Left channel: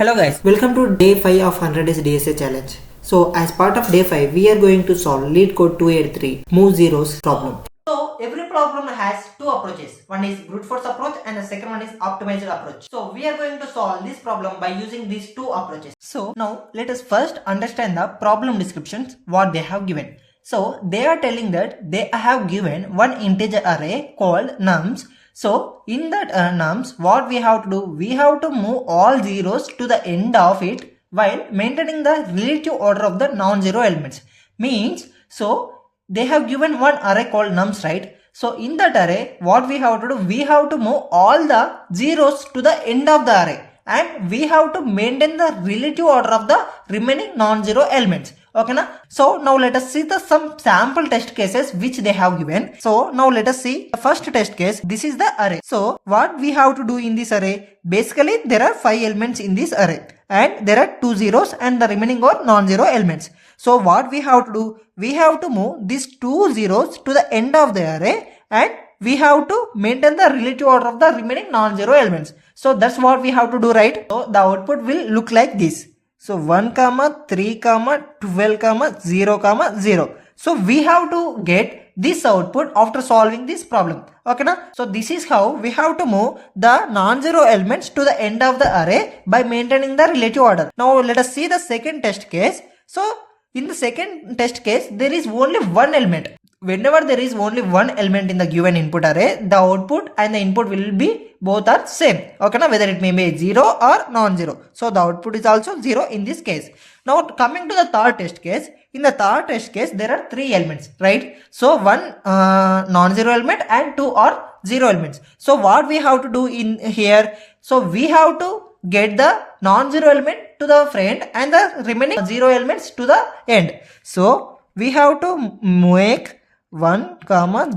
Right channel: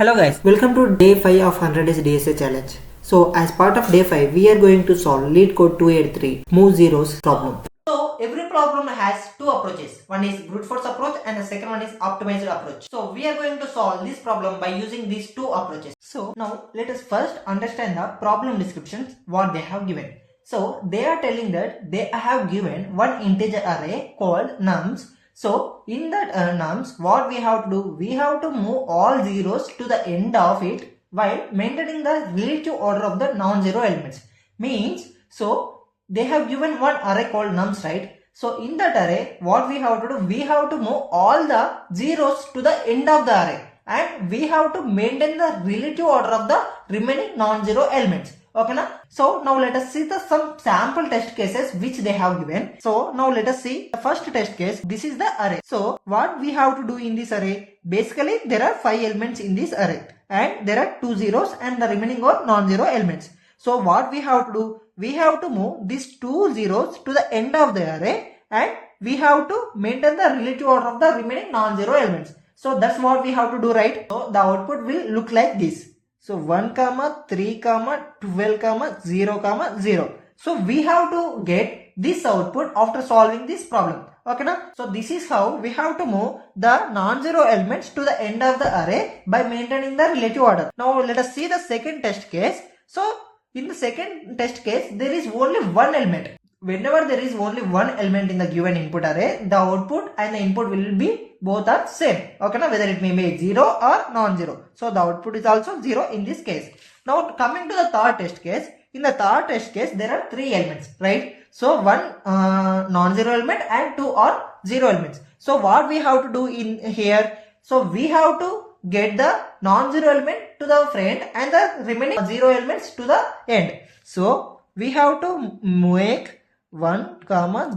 Hello guys, welcome to day 5 of 100 days DSA challenge. So as part of day 5, we are going to solve LeetCode 283 move zeros problem. So every problem has two approaches. One is brute force approach and the second one is optimized approach. So we are going to solve this problem by using these two approaches. So now let us first understand the problem descriptions what they have given. So they are telling that they have given one integer array called nums. So in that nums, what we have to do, we have to move all zeros to the end of it while maintaining the relative order of the non-zero elements. Means, so they have given one array called nums, right? So in that array, what we have to do, we have to move all the zeros to the end of the array and we have to maintain the relative order of the remaining non-zero elements. Okay na? So now let us see some sample test cases which they have given. So now let us see the first test case. This is the array. So what we have to do in this array? Basically there are 5 elements in this array and there are 2 zeros and the remaining are non-zero elements. So what we have to do? We have to move these 2 zeros to the end of the array and we have to maintain the relative order of the remaining non-zero elements. So that's what we have to do, right? So the output will look like this. So 1, 3, 12, 0, 0. So we have to get this output after solving this problem. Okay na? So this is how we have to move the non-zero elements to the end of the array by maintaining the relative order. Now let us see the second test case. So in the second test case, there is only one element. Whenever there is only one element in the given input array, the output and the input will be both are same. Okay, now whether it may be 0 or non-zero. So the output is also 0 in this case. Now coming to the third test case, in the third test case there are 3 elements, right? So one non-zero element and 2 are 0 elements. So what we have to do in here? So we have to get the non-zero element to the front and the remaining 0 elements to the end. So we have to make 1,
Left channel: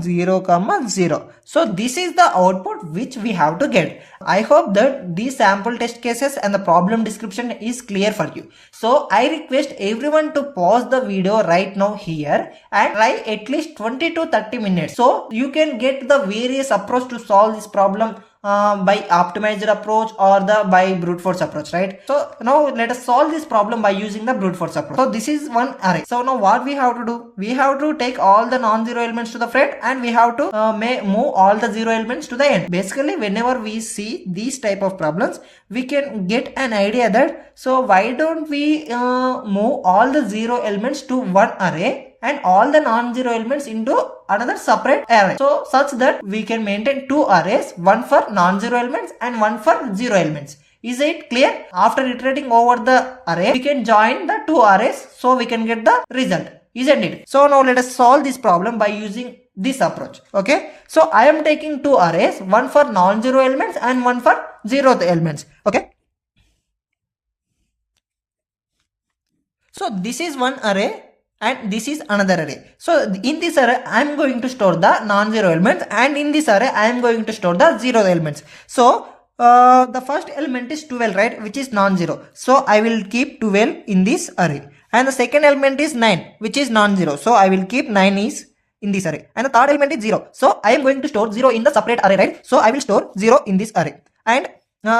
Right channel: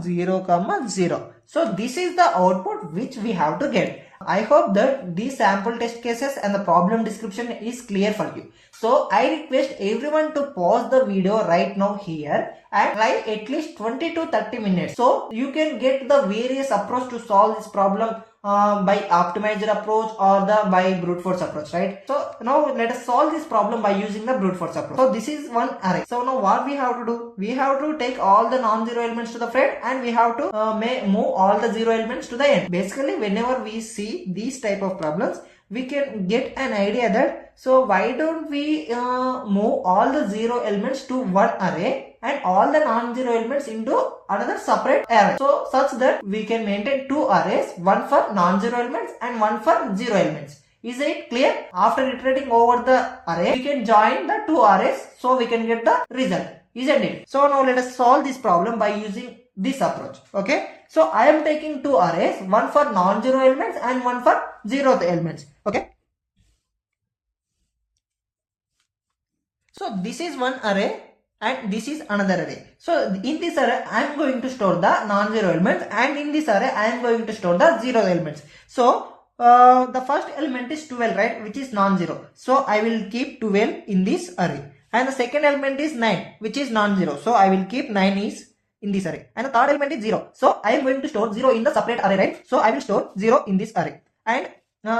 0, 0. So this is the output which we have to get. I hope that these sample test cases and the problem description is clear for you. So I request everyone to pause the video right now here and try at least 20 to 30 minutes. So you can get the various approach to solve this problem by optimized approach or the by brute force approach, right? So now let us solve this problem by using the brute force approach. So this is one array. So now what we have to do? We have to take all the non-zero elements to the front and we have to move all the 0 elements to the end. Basically, whenever we see these type of problems, we can get an idea that so why don't we move all the 0 elements to one array and all the non-zero elements into another separate array. So such that we can maintain 2 arrays, one for non-zero elements and one for 0 elements. Is it clear? After iterating over the array, we can join the 2 arrays so we can get the result. Isn't it? So now let us solve this problem by using this approach. Okay. So I am taking 2 arrays, one for non-zero elements and one for 0 elements. Okay. So this is one array and this is another array. So in this array, I am going to store the non-zero elements and in this array, I am going to store the 0 elements. So the first element is 12, right, which is non-zero. So I will keep 12 in this array. And the second element is 9, which is non-zero. So I will keep 9 is in this array. And the third element is 0. So I am going to store 0 in the separate array, right? So I will store 0 in this array. And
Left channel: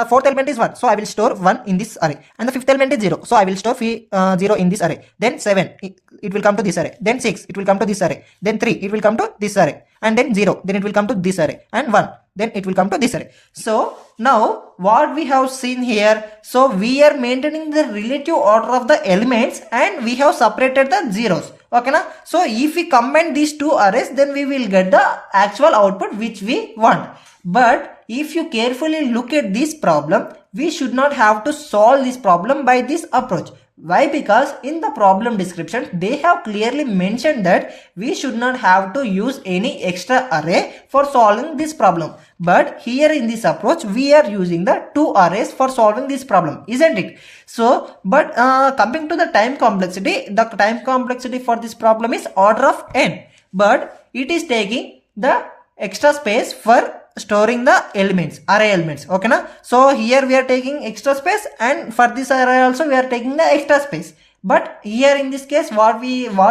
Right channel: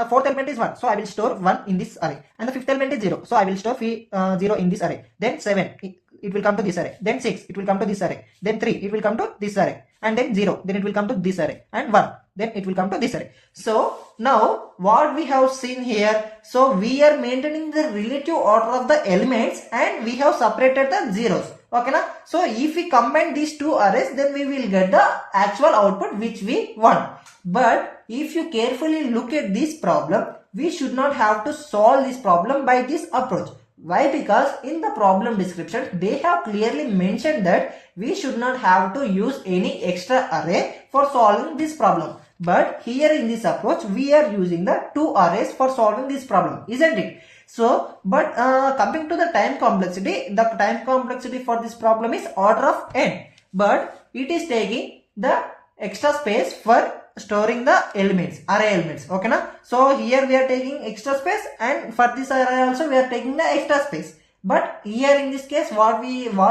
fourth element is 1. So I will store 1 in this array. And the fifth element is 0. So I will store 0 in this array. Then 7, it will come to this array. Then 6, it will come to this array. Then 3, it will come to this array. And then 0, then it will come to this array. And 1, then it will come to this array. So now what we have seen here, so we are maintaining the relative order of the elements and we have separated the zeros. Okay na? So if we combine these 2 arrays, then we will get the actual output which we want. But if you carefully look at this problem, we should not have to solve this problem by this approach. Why? Because in the problem description, they have clearly mentioned that we should not have to use any extra array for solving this problem. But here in this approach, we are using the 2 arrays for solving this problem, isn't it? So, but coming to the time complexity, the time complexity for this problem is order of n. But it is taking the extra space for storing the elements, array elements. Okay na? So here we are taking extra space and for this array also we are taking the extra space. But here in this case, what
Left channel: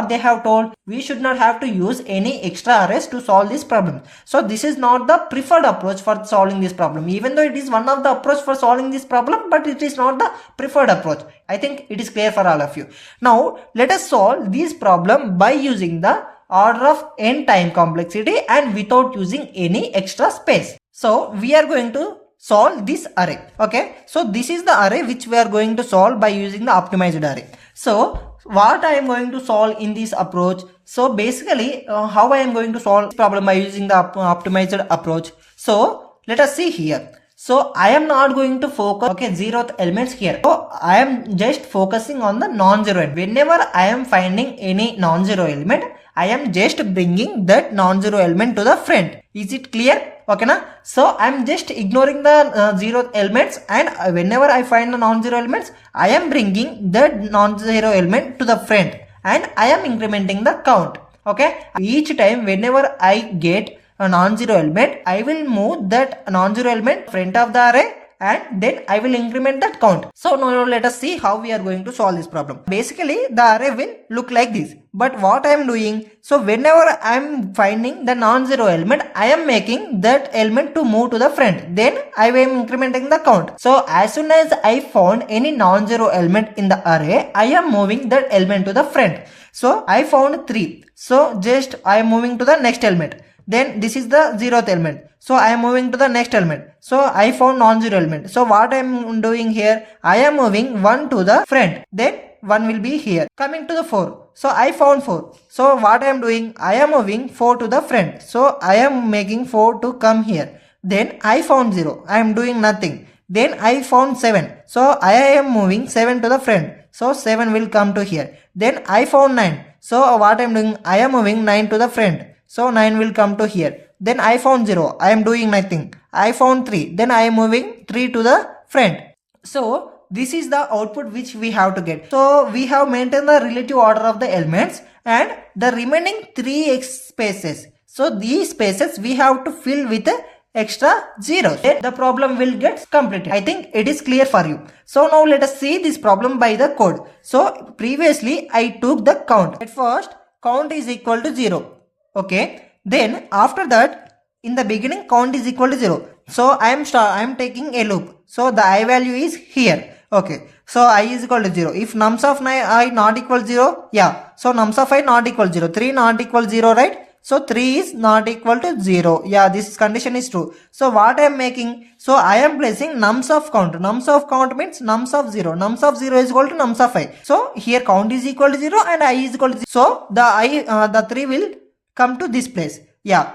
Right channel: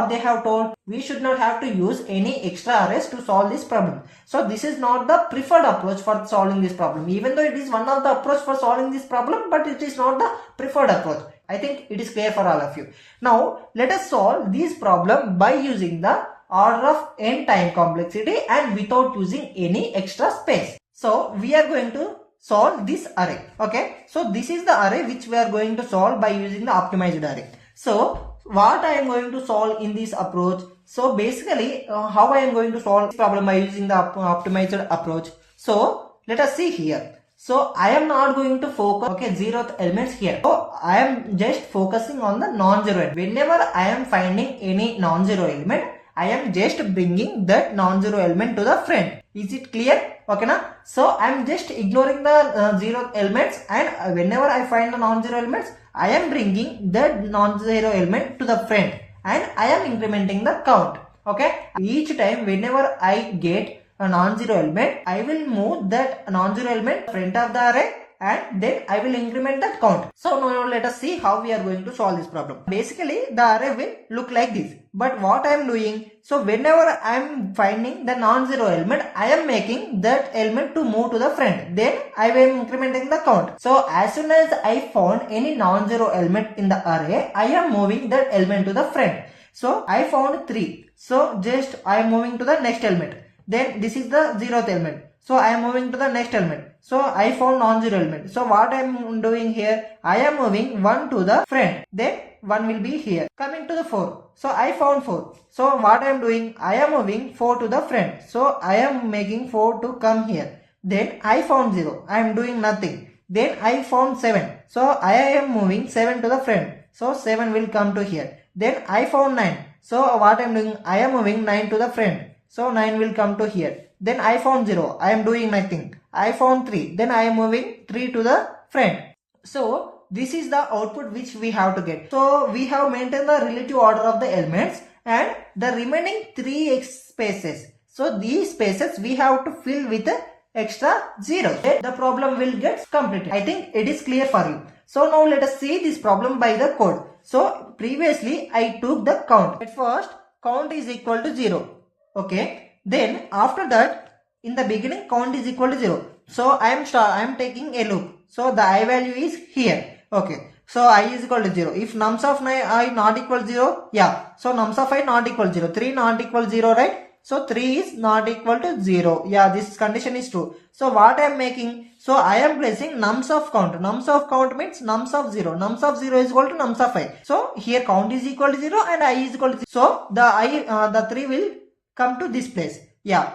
they have told, we should not have to use any extra arrays to solve this problem. So this is not the preferred approach for solving this problem, even though it is one of the approach for solving this problem, but it is not the preferred approach. I think it is clear for all of you. Now let us solve this problem by using the order of n time complexity and without using any extra space. So we are going to solve this array. Okay, so this is the array which we are going to solve by using the optimized array. So what I am going to solve in this approach, so basically how I am going to solve this problem by using the optimized approach. So let us see here. So I am not going to focus zeroth elements here. So I am just focusing on the non-zero element. Whenever I am finding any non-zero element, I am just bringing that non-zero element to the front. Is it clear? Okay na? So I am just ignoring the zero elements, and whenever I find the non-zero elements, I am bringing that non-zero element to the front and I am incrementing the count. Okay, each time whenever I get a non-zero element, I will move that non-zero element front of the array and then I will increment that count. So now let us see how we are going to solve this problem. Basically the array will look like this, but what I am doing, so whenever I am finding the non-zero element, I am making that element to move to the front, then I am incrementing the count. So as soon as I found any non-zero element in the array, I am moving that element to the front. So I found 3, so just I am moving to the next element. Then this is the 0th element, so I am moving to the next element. So I found non-zero element. So what I am doing here, I am moving 1 to the front, then 1 will be here. Coming to the 4, so I found 4. So what I am doing, I am moving 4 to the front, so I am making 4 to come here. Then I found 0, I am doing nothing. Then I found 7, so I am moving 7 to the front, so 7 will come to here. Then I found 9, so what I am doing, I am moving 9 to the front, so 9 will come to here. Then I found 0, I am doing nothing. I found 3, then I am moving 3 to the front. So this is the output which we have to get. So we have maintained the relative order of the elements and the remaining 3 spaces. So these spaces we have to fill with extra zeros. Then the problem will get completed. I think it is clear for you. So now let us see this problem by the code. So previously I took the count. At first count is equal to 0. Okay, then after that in the beginning count is equal to 0. So I am taking a loop. So the I value is here. Okay, so I is equal to 0. If nums of I not equal 0, yeah, so nums of I not equal 0, 3 not equal 0, right? So 3 is not equal to 0. Yeah, this condition is true. So what I am making, so I am placing nums of count. Nums of count means nums of 0. Nums of 0 is equal to nums of I. So here count is equal to 0 and I is equal to 0. So the 3 will come to this place. Yeah,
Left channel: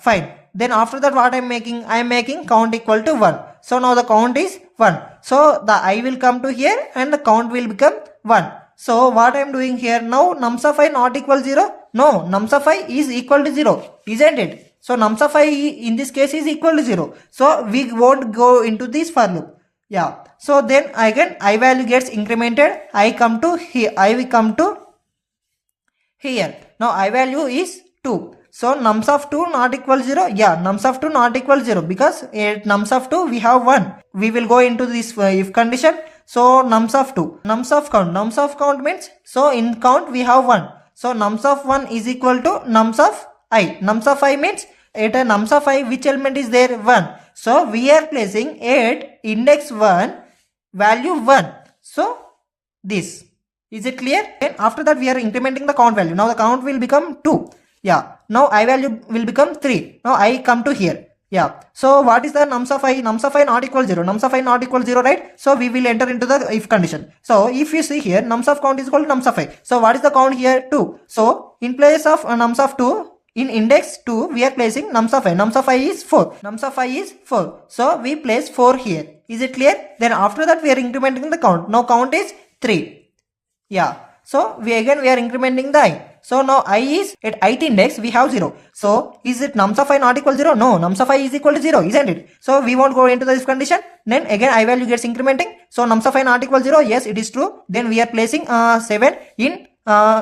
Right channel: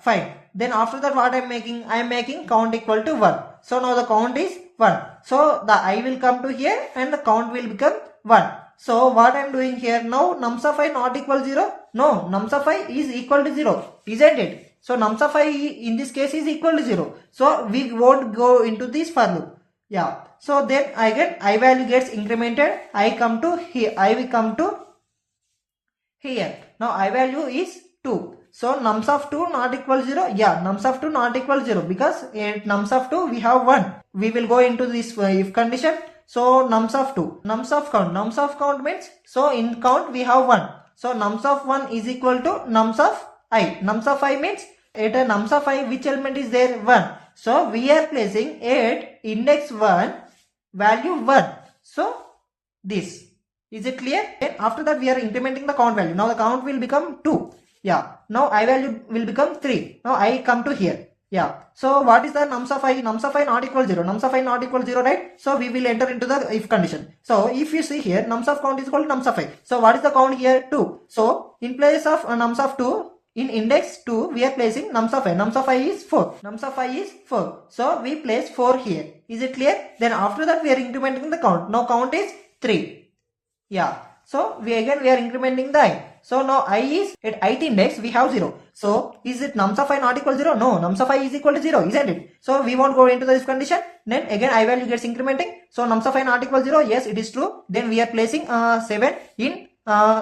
fine. Then after that what I am making count equal to 1. So now the count is 1. So the I will come to here and the count will become 1. So what I am doing here now, nums of I not equal 0. No, nums of I is equal to 0, isn't it? So nums of I in this case is equal to 0. So we won't go into this for loop. Yeah. So then again I value gets incremented. I come to here. I will come to here. Now I value is 2. So nums of 2 not equal 0. Yeah, nums of 2 not equal 0 because at nums of 2 we have 1. We will go into this if condition. So nums of 2. Nums of count. Nums of count means, so in count we have 1. So nums of 1 is equal to nums of I. Nums of I means at a nums of I which element is there? 1. So we are placing at index 1 value 1. So this. Is it clear? And after that we are incrementing the count value. Now the count will become 2. Yeah. Now I value will become 3. Now I come to here. Yeah. So what is the nums of I? Nums of I not equal 0. Nums of I not equal 0, right? So we will enter into the if condition. So if you see here, nums of count is equal to nums of I. So what is the count here? 2. So in place of nums of 2, in index 2, we are placing nums of I. Nums of I is 4. Nums of I is 4. So we place 4 here. Is it clear? Then after that we are incrementing the count. Now count is 3. Yeah. So we are incrementing the I. So now I is at ith index we have 0. So is it nums of I not equal 0? No, nums of I is equal to 0, isn't it? So we won't go into this condition. Then again I value gets incrementing. So nums of I not equal 0. Yes, it is true. Then we are placing 7 in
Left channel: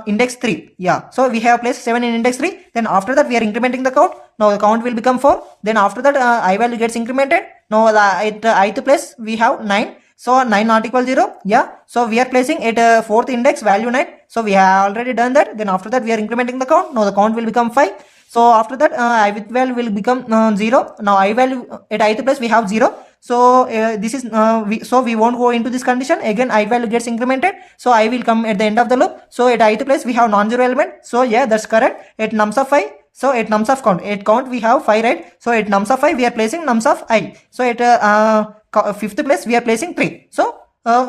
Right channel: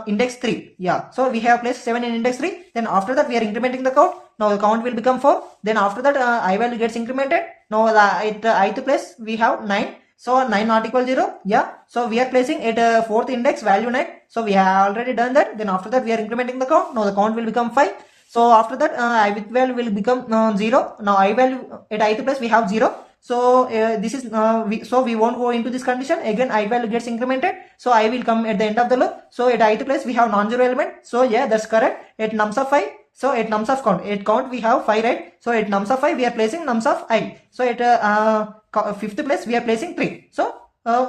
index 3. Yeah. So we have placed 7 in index 3. Then after that we are incrementing the count. Now the count will become 4. Then after that I value gets incremented. Now at ith place we have 9. So 9 not equal 0. Yeah. So we are placing at fourth index value 9. So we have already done that. Then after that we are incrementing the count. Now the count will become 5. So after that I with value will become 0. Now I value at ith place we have 0. So this is we won't go into this condition. Again I value gets incremented. So I will come at the end of the loop. So at ith place we have non-zero element. So yeah, that's correct. At nums of 5. So at nums of count, at count we have 5, right? So at nums of 5 we are placing nums of I. So at fifth place we are placing 3. So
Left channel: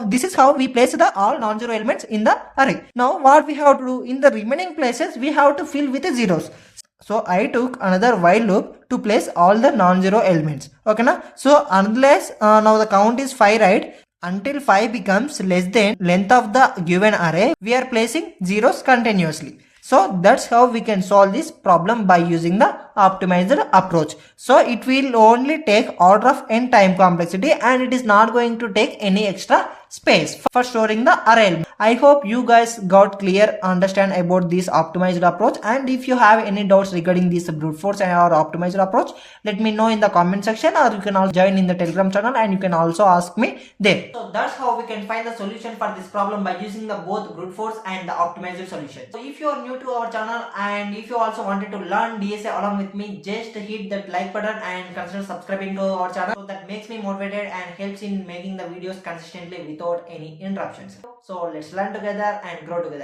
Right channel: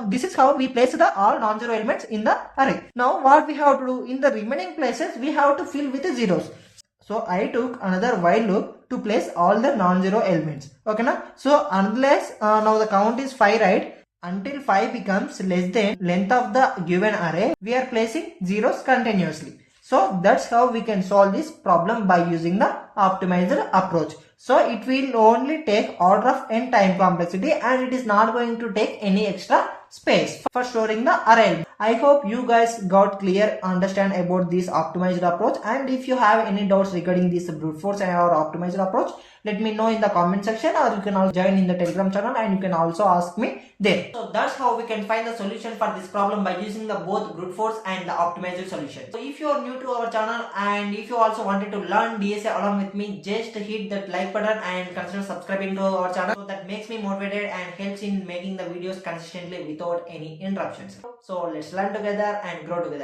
this is how we place the all non-zero elements in the array. Now what we have to do in the remaining places, we have to fill with the zeros. So I took another while loop to place all the non-zero elements. Okay now. So unless now the count is 5, right? Until 5 becomes less than length of the given array, we are placing zeros continuously. So that's how we can solve this problem by using the optimized approach. So it will only take order of n time complexity and it is not going to take any extra space for storing the array. I hope you guys got clear understand about this optimized approach, and if you have any doubts regarding this brute force and our optimized approach, let me know in the comment section, or you can also join in the Telegram channel and you can also ask me there. So that's how we can find the solution for this problem by using the both brute force and the optimized solution. So if you are new to our channel and if you also wanted to learn DSA along with me, just hit that like button and consider subscribing to our channel. So that makes me motivated and helps in making the videos consistently without any interruptions. So let's learn together and grow together.